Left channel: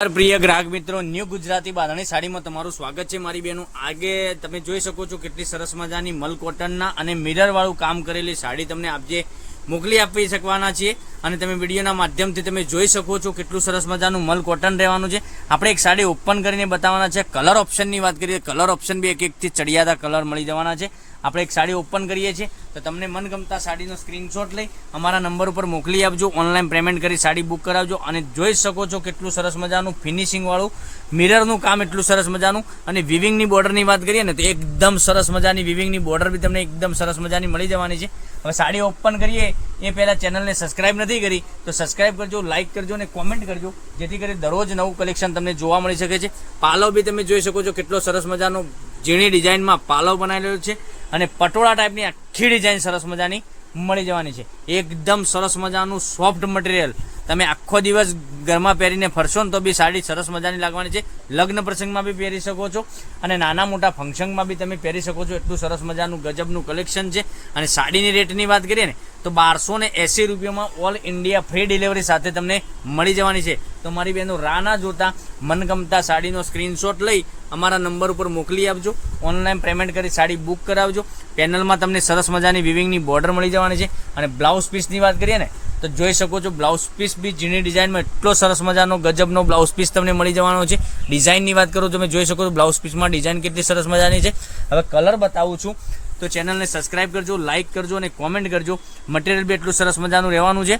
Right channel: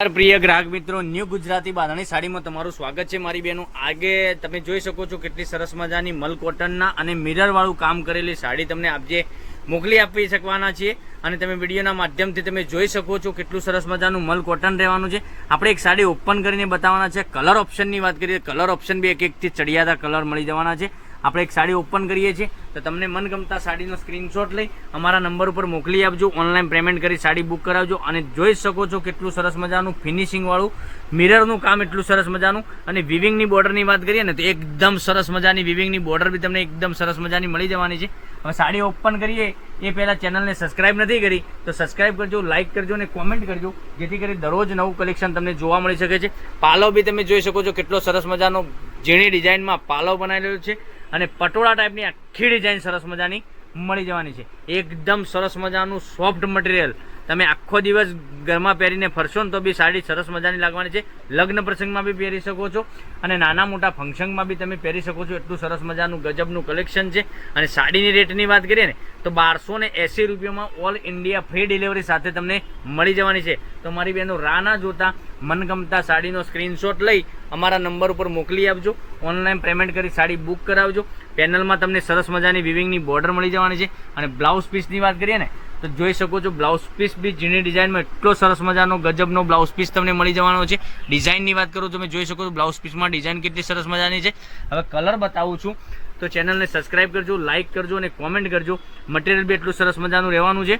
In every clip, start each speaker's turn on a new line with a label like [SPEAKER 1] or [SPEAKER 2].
[SPEAKER 1] પ્રિય ગ્રાહક મિત્રો, ન્યૂ ગુજરાતી બાંધણી સાડીમાં તમારું સ્વાગત છે મારી બહેનો આગે તમે જોઈ શકો છો કેટલી સરસ મજાની મલ કોટનના અને મિરર વાળું કામ કરેલી સાડી તમને આપજે. મોકલી આપી શકવાના છીએ અને તમે વિડીયોના માધ્યમથી તમે જોઈ શકો છો કેટલું સરસ મજાનું મલ કોટન રહેવાનું છે. આપણે એક સાડી ઓપન કરીને બતાવવાના છે. કલર ઓપ્શનની વાત કરીએ કલર ઓપ્શન બી એક એકથી ચડિયાતા કલર મળી જવાના છે. આપણે એક સાડી ઓપન કરીએ છીએ. તો તમને મનગમતા સાડીનો સ્ક્રીનશોટ લઈ અમારા નંબર ઉપર મોકલી આપજો. ઓનલાઈન પેમેન્ટ કરી સાડી બુક કરાવજો અને જોઈ શકો છો કેટલું સરસ મજાનું ફિનિશિંગવાળું મિરરનું કામ એટલું સરસ મજાનું. અને વિવિંગની બોર્ડરની વાત કરીએ ને તો એકદમ સરસ મજાની વિવિંગની બોર્ડર બી તમને એકદમ સરસ મજાની મળી જવાની છે. હવે સાડી ઓપન કરીએ. એ પહેલાં ચેનલને સબસ્ક્રાઇબ નથી કરી, તો સબસ્ક્રાઇબ કરજો લાઇક કરજો અને કોમેન્ટ કરજો. જેથી કરી દરરોજ નવું કલેક્શન તમને જોવા મળી શકે છે. પાલો બી તમે જોઈ શકો છો કેટલો સરસ મજાનો ઝીણી ડિઝાઇનમાં પાલો બનાવેલો છે અને પટોળા ટાઈપની આખી ડિઝાઇન સરસ મજાની મળી જવાની છે. એકદમ સરસ મજાનું સોફ્ટ મટીરિયલ તમે આખો દિવસ ઘરમાં પહેરીને ફરશો ને તો બી સાડી સરસ મજાની લાગવાની છે. લગ્ન પ્રસંગમાં બી પહેરી શકો છો અને નાના મોટા ફંક્શનમાં બી તમે પહેરી શકો છો. એટલું સરસ મજાનું ગજબનું કલેક્શન છે. અને સાડીની રેટની વાત કરીએ ને, તો બારસો ને એંસી રૂપિયામાં ઓલ ઇન્ડિયા ફ્રી ડિલિવરી સાથે તમને મળી જવાની છે. તો મારી બહેનો રાના જોતા, મનગમતા સાડીનો સ્ક્રીનશોટ લઈ અમારા નંબર ઉપર મોકલી આપજો. ઓનલાઈન પેમેન્ટ કરી સાડી બુક કરાવજો. પેનલમાં તમને સરસ મજાની વિવિંગની બોર્ડર મળી જવાની છે. અને બ્લાઉઝ પીસની વાત કરીએ ને તો જોઈ શકો છો બ્લાઉઝ પીસ બી ઝીણી ડિઝાઇનમાં એટલો સરસ મજાનો ગજબનો બ્લાઉઝ પીસ તમને મળી જવાનો છે. ડિઝાઇનની વાત કરો તમે જોઈ શકો છો બ્લાઉઝ પીસમાં ડિઝાઇન કેટલી સરસ મજાની છે. હવે કલર બતાવું છું. તો ચેનલને સબસ્ક્રાઇબ કરજો લાઇક કરજો અને કોમેન્ટ કરજો. મટીરિયલ બી એટલું સરસ મજાનું રહેવાનું છે.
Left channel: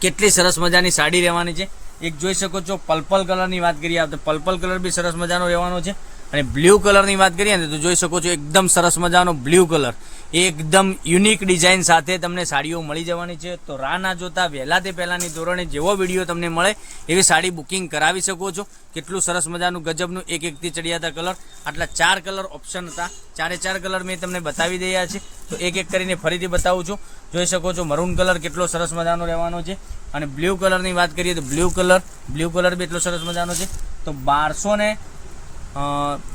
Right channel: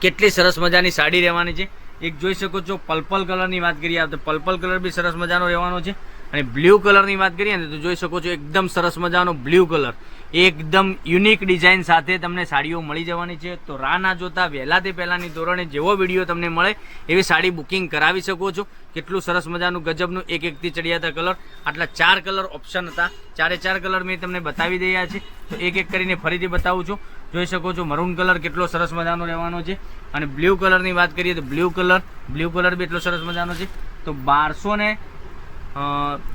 [SPEAKER 1] કેટલી સરસ મજાની સાડી રહેવાની છે. એક જોઈ શકો છો પર્પલ કલરની વાત કરીએ તો પર્પલ કલર બી સરસ મજાનો રહેવાનો છે. અને બ્લુ કલરની વાત કરીએ ને તો જોઈ શકો છો એકદમ સરસ મજાનો બ્લુ કલર. એકદમ યુનિક ડિઝાઇન સાથે તમને સાડીઓ મળી જવાની છે. તો રાહ ના જોતા વહેલા તે પહેલાંની ધોરણે જેવો વીડિયો તમને મળે એવી સાડી બુકિંગ કરાવી શકો છો. કેટલું સરસ મજાનું ગજબનું એક એકથી ચડિયાતા કલર. આટલા ચાર કલર ઓપ્શન હતા. ચારે ચાર કલર મેં તમને બતાવી દઈયા છે. તો એક એક કરીને ફરીથી બતાવું છું. જોઈ શકો છો મરૂન કલર કેટલો સરસ મજાનો રહેવાનો છે. અને બ્લુ કલરની વાત કરીએ તો બ્લુ કલર બ્લુ કલર બી એટલો સરસ મજાનો છે. તો બારસો ને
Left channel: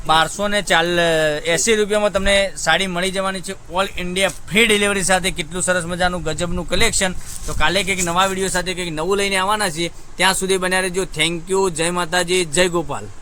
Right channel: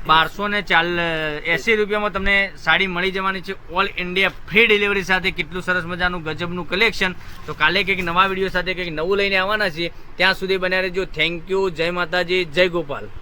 [SPEAKER 1] બારસો ને ચાલ એંસી રૂપિયામાં તમને સાડી મળી જવાની છે. ઓલ ઇન્ડિયા ફ્રી ડિલિવરી સાથે કેટલું સરસ મજાનું ગજબનું કલેક્શન તો કાલે કંઈક નવા વીડિયો સાથે કંઈક નવું લઈને આવવાના છીએ. ત્યાં સુધી બન્યા રહેજો. થેન્ક યુ જય માતાજી. જય ગોપાલ.